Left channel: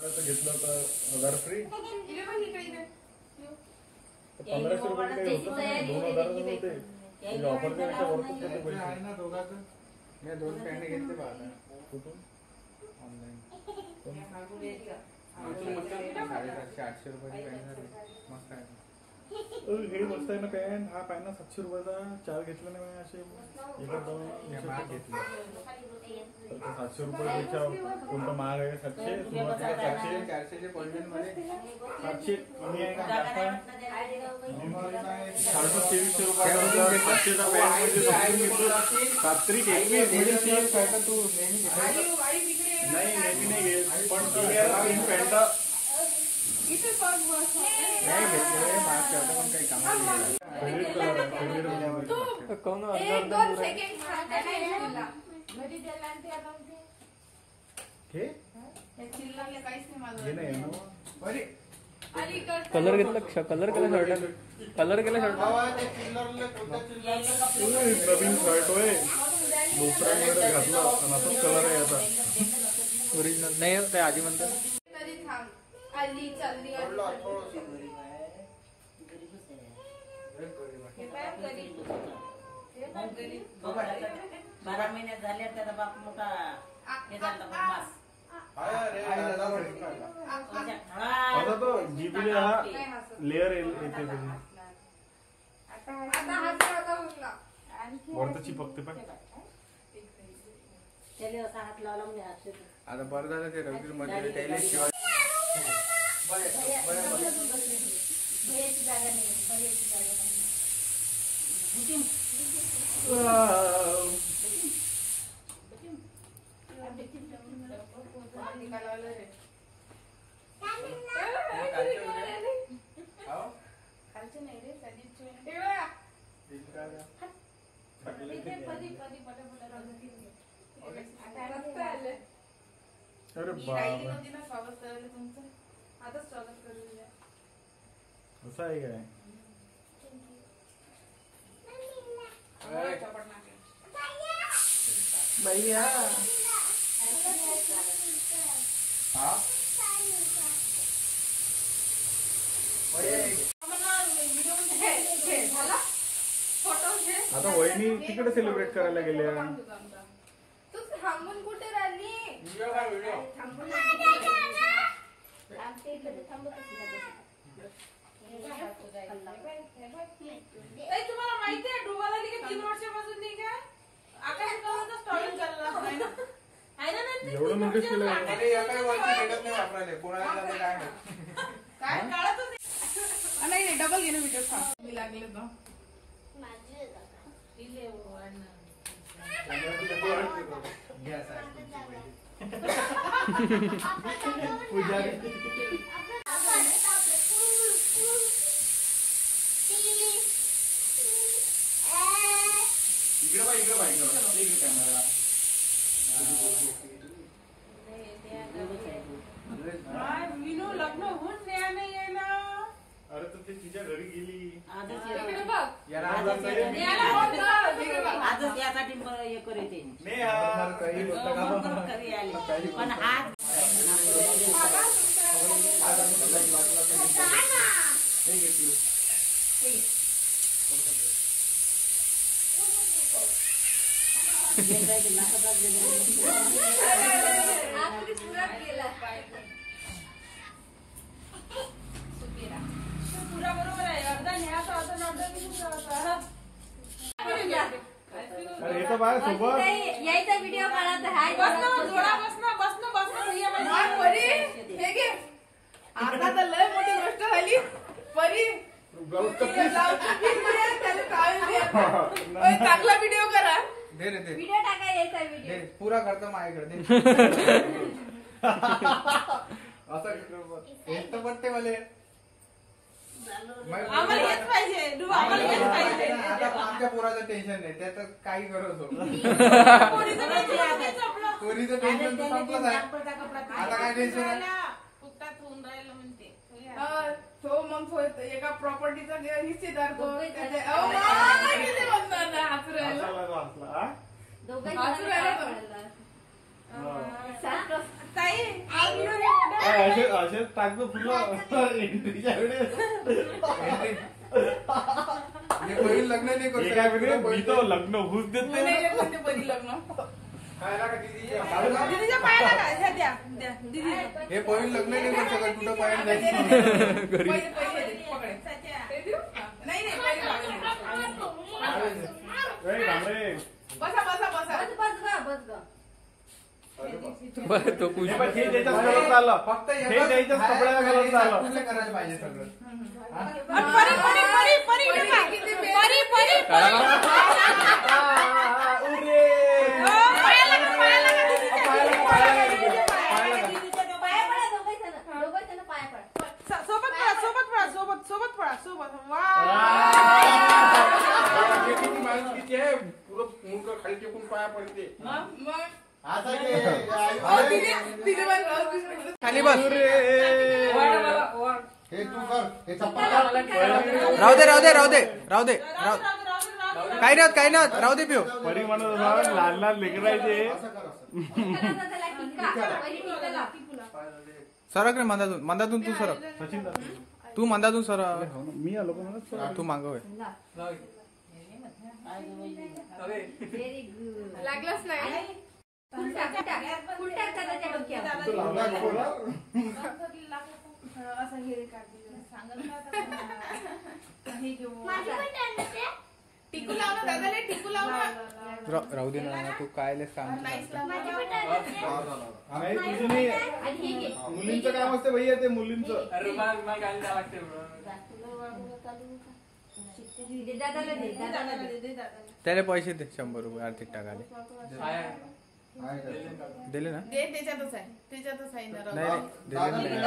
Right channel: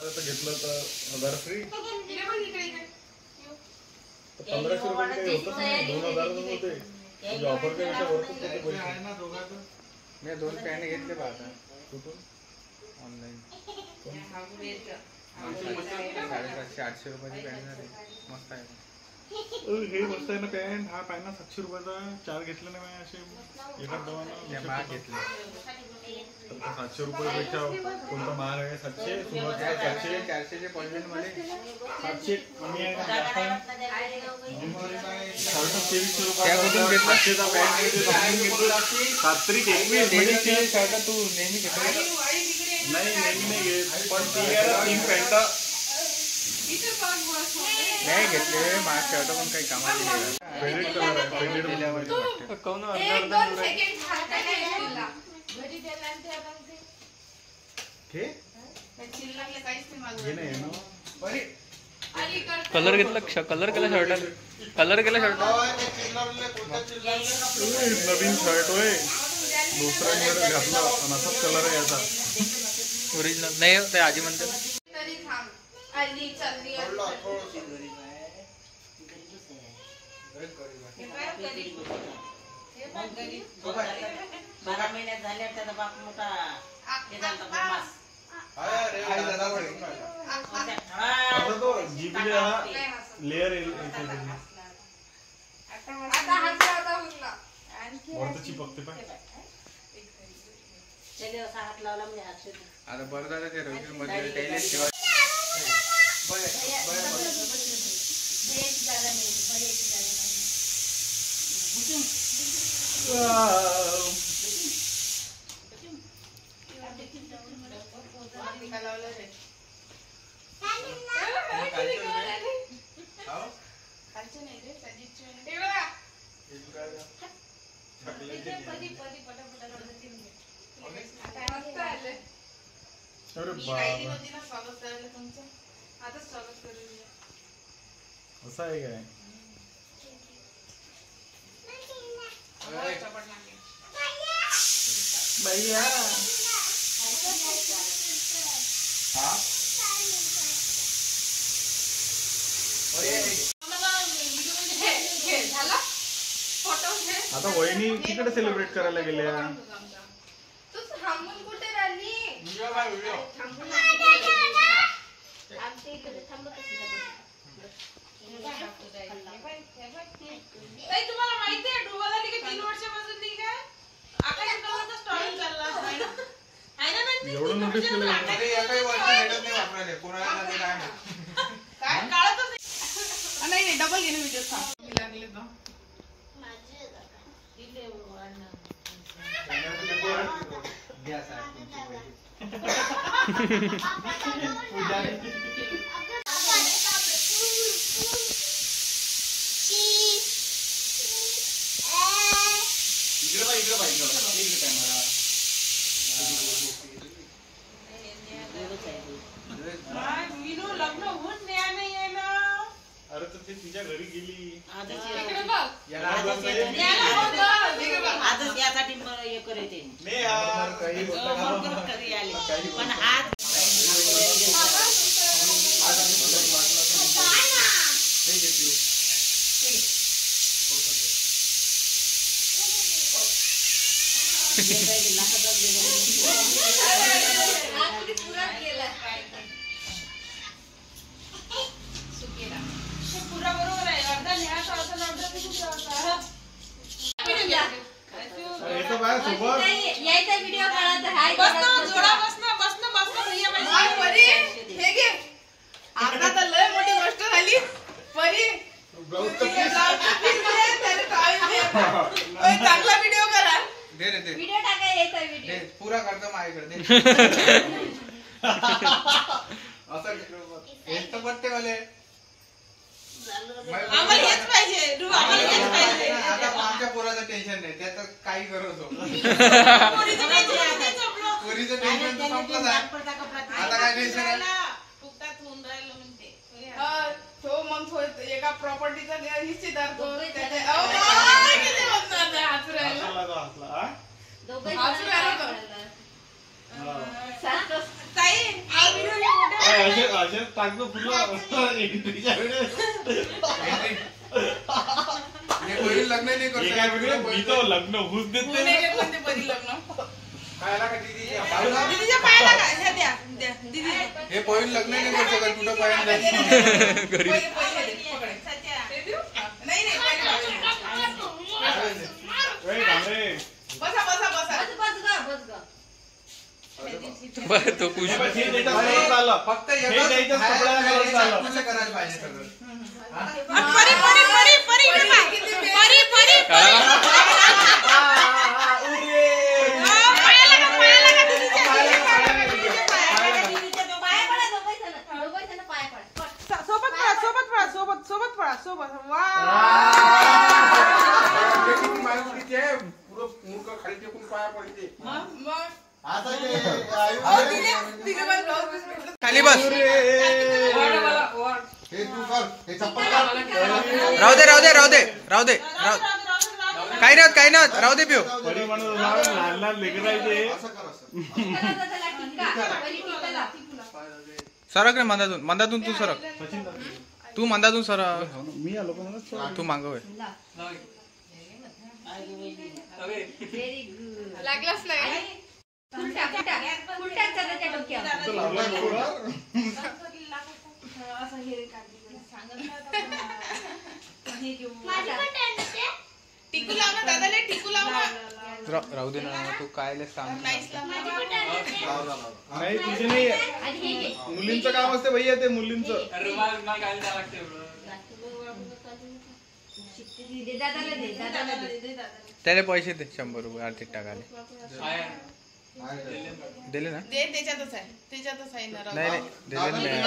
घेतलं तर 1000 फ्री. 1500 रुपये काही होतं ना, 2000 होते. ऑफर केल्याच्या वरती आहे ना दोघांचं. मी 2 पॅन्ट घेतले पाहता. कुठून? ऑनलाईन. 750-800 रुपयाची पॅन्ट आहे. मस्त आहे. हे मस्त आहे ना पॅन्ट. हा पॅन्ट 700 रुपयाचा 4 घेतले ना मी असे. एका दोन महाग घेतले. 700 रुपयापेक्षा कोणता महाग आहे? 700 सुरुवातीला 400 चे क्वालिटी मध्ये 700 कमी आहे का? 2300 रुपयापासून घेतला. 700 घेतली. तू नेहमी घेतो? नाही नेहमी नाही घेत. पण 3 पॅन्ट नाही घेतले. माझ्या शर्ट पण काही कामाची नाही. फेवरेट कलर आहे. फेवरेट दिल्यावर कोण अर्धा कलर घेतला. कलर केला शर्ट. कलर केला शर्ट. नवीन शर्ट होय. दुसरा घातला पण असाच कलर आहे आता. ओरिजिनल नाही ते आजी म्हणते बारा महिन्यात झाले त्याचा बाप मोठा हे झाला मास. आता तो जीबीले हा लेअर येते वरती चिपकते पाय. असा हात लावला म्हणजे हात आता बरं झालं ते रविवारी मध्ये काही शिवाय अरे बाबा असं आहे काय? भैया आता वहिनी तिकडे सेलिब्रेट करायला गेल्या. तुम्हाला माहिती आहे डोबाला 3 वर्षापासून नाही का आकाश कलरचा स्टॉल चालला आहे ना. एवढं नोटीस केलं काही वर्ष भेटत नाही वापरायला कोणाला जाते काय काय काळतच नाही. डबल गेले व्हिडिओ लागले तो लग्न होऊन न्याय नाही आहे ना. अरे तर ते तिच्या घरी गेली. आजच यासाठी हे करते पण आज पुरा बरोबर आहे. अर्धा न्यायचा होता यायचा व्हिडिओ काढायचा हाय जोडा बसना भैया परी हे घे. आता तर लय मोठी गोष्ट झाली. परी चांगला व्हिडिओ करा. दे रे दे व्हिडिओ टाका. यायचा व्हिडिओ पुरा करतो माझ्याकडे दे. असं एक तर बट्टे वाले आम्हाला हेच पाहिजे. आमच्या पोराचं टेन्शन नाही त्यात काही करतो. पोरीचं टेन्शन तर संपलं आहे. आता काय टेन्शन आहे? तो मग एका प्रॉपर्टीचा हिस्सेदार तो ताई हा व्हिडिओ असे टाकतो फुलं एंट्रीच्या लग्न नाही करू काय वेगळे मी तो लग्न होऊच देत नाही नाही रे कोणते बरी लग्न खायला का दीदी दीदीच्या पायाला काय ह्या द्या द्या दीदी हे पोरी लग्न नाही करू शकत कुठं पाहिजे नाही घरी पहिले पकडे सत्या ते देऊ नाही नाही पहिले डांबरे बसा बसा बसा बस ग बरं, तो खुश हे त्याच्याच कलर झालं फक्त हे त्याच्याच कपड्याला कलर झालं तुला करायला पाहिजे सगळं परी परी परी परी परी परी काढा ना. सोबत पळा सोबत पळा सोबत सोबत पळा सोबत वा किती माणूस किती आहे पुरं मुख खाली टेकून पाया पडते मग खाली बस राहू दे राहू दे राहू दे राहू दे काही नाही काही नाही राहू दे पिऊ परी म्हणत होता लहान लहान लेकरायचे सरक रे मंदातून मंदातून तू सरक सचिन तू मंदातून सरक मी आलो का म्हणत तू मागव व्हेरी गुड लागलाच नाही असं हे टिकू लाव ना दादा ले टिकू लाव ना राहू दे ना तू काय सांग नाही तुझे नाही मुलींचं काम असते भैया ते मुलींचं त्याला पैसे दे 100 रुपये आर्थिक टाकाले दिले ना दे त्याच्यातच आहे त्याच्यातच आहे ना नाही दिले नाही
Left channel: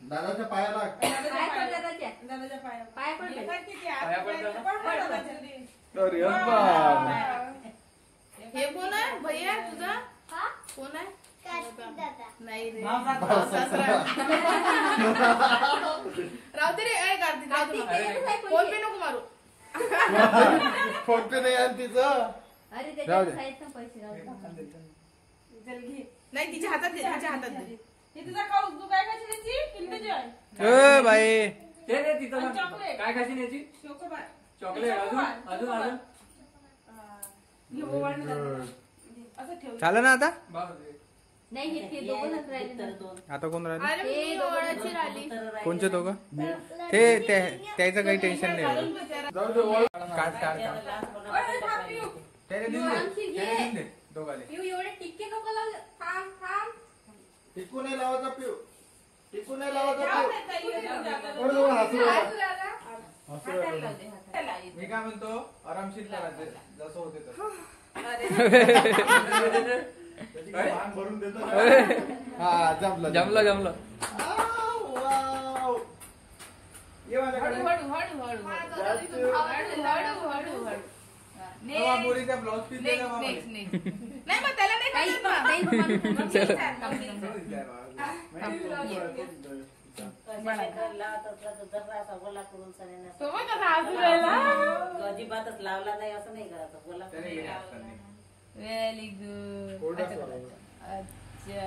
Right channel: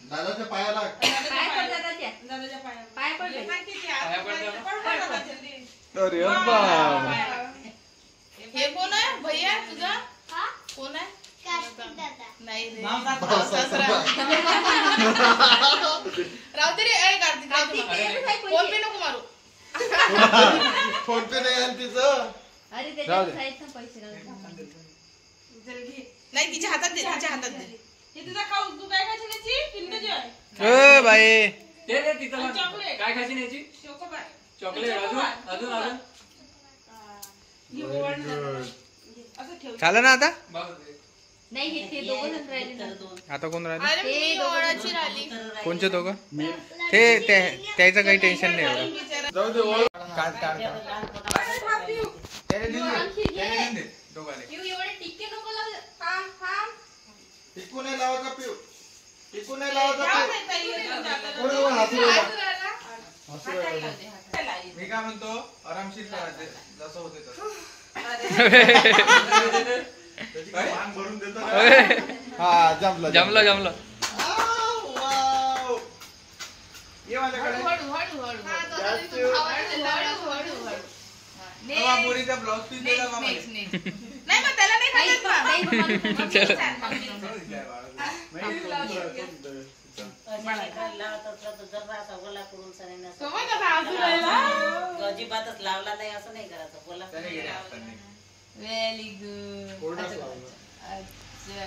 दादाच्या पायाला दादाच्या पाया अरे बाप. हे कोण आहे भैया तुझा कोण आहे नाही रे राहू दे रे ए कार्तिक राहू दे फोन पे नको मारू फोन पे नाही आहे तिचं अरे त्याच्या पैसे चल घे नाही तिच्या हातात दे तिच्या हातात दे हे तुझा खाऊ तू काय खायची त्याची किंडर ए बाई चॉकलेट काय खायची न्यायची चोकोबार चॉकलेट अजून अजून अजून हे ओवाळणं झालं. असं ठेव झालं ना आता नाही हे ते दोघं राहिले आता कोण राहिले अरे मी ओवाळाची राहिली कोणचे दोघं ते त्याचं काही टेन्शन नाही एवढं जाऊ दे ओळ. काढ काढ त्याने देऊन दे दोघाले एवढे टिक्के नको लावू थांब थांब टिकू नाही लावायचा पिऊ टिकू नाही लावायचा जाऊ पिऊ दे ताई, येतो जाता जाता. बरोबर, हसू राहिला. हसू राहिला. हाताला लावते, हाताला लावते. मी काय म्हणतो आरामशीर करायचे जसं होते तसं त्याची काय भांग भरून देतो ना. हा जमलं जमलं जमलं वाव. ये माझ्याकडे हळू, हळू, हळू, हळू. हळू, हळू, हळू. बाबा पोरीचा ब्लाउज पीस नेक्स्ट, दिला मामा नेक्स्ट, नेक्स्ट. नाही मग त्याला नाही काही खायचं नाही ना. बनवलं. समज आता हसू राहिला. अजिबातच लावला नाही असं नाही करायचं बोला त्याने गेले हाताने. व्हेरी गुड कोरडा अच्छा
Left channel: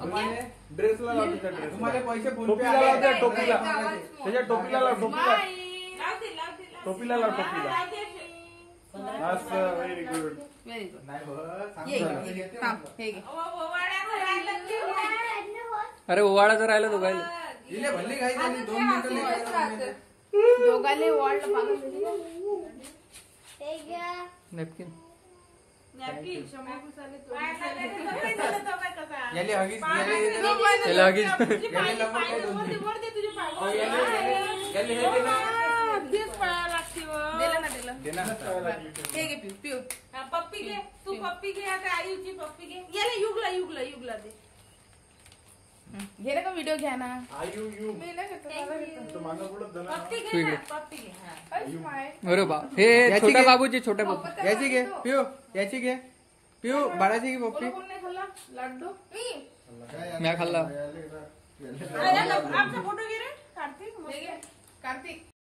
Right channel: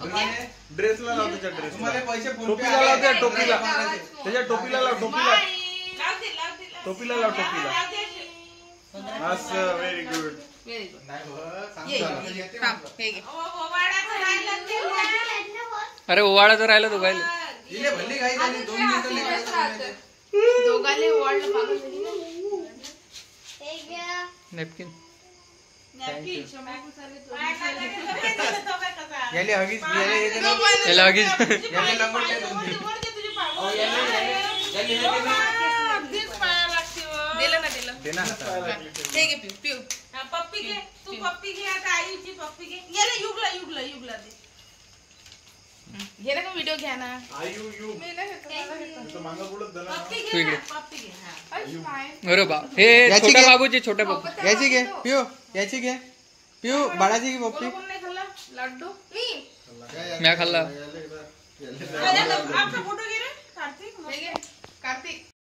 तुम्हाला ड्रेसला लाव त्याच्या ड्रेस तुम्हाला पैसे फोन पे टोपीला आले लाव त्या तर टोपीला. 1500. त्याच्या टोपीला लाव टोपीला लावते लावते टोपीला लाव टोपीला असं व्हेरी गुड व्हेरी गुड नाही हो, सांग ये, जरा. ये, थांब, हे घे. अरे ओवाळाचं राहिलं तो काय दिले भल्ली घाई झाली 2 मिनिटं लेकराला दोघाले वॉल्ट नेपकिन गेले हगीच गेले याला आगीच याले लंगोट काय 2 दिलं ना दिलं देना हे घे पिऊ पिऊ पप्पी घे तू पप्पी घे आता आईची पप्पी घे गेला युगला युगला युगला दे घे ना का व्हिडिओ घ्या ना आयु यू मी नाही घेत, मला घेतो. तुझं मागं पुढं धरा. पप्पी तू घे इकडे. ना, पप्पी घे हा. अरे पाय. अरे बा हे याची छोट्या घे. बाबूची छोट्या बाबू याची घे पिऊ याची घे पिऊ बाळाची घे पप्पी कोण नाही खाल्ला लाडू म्या खाल्ला आपला फोटो घे रे कार्तिक हे घे कार्तिक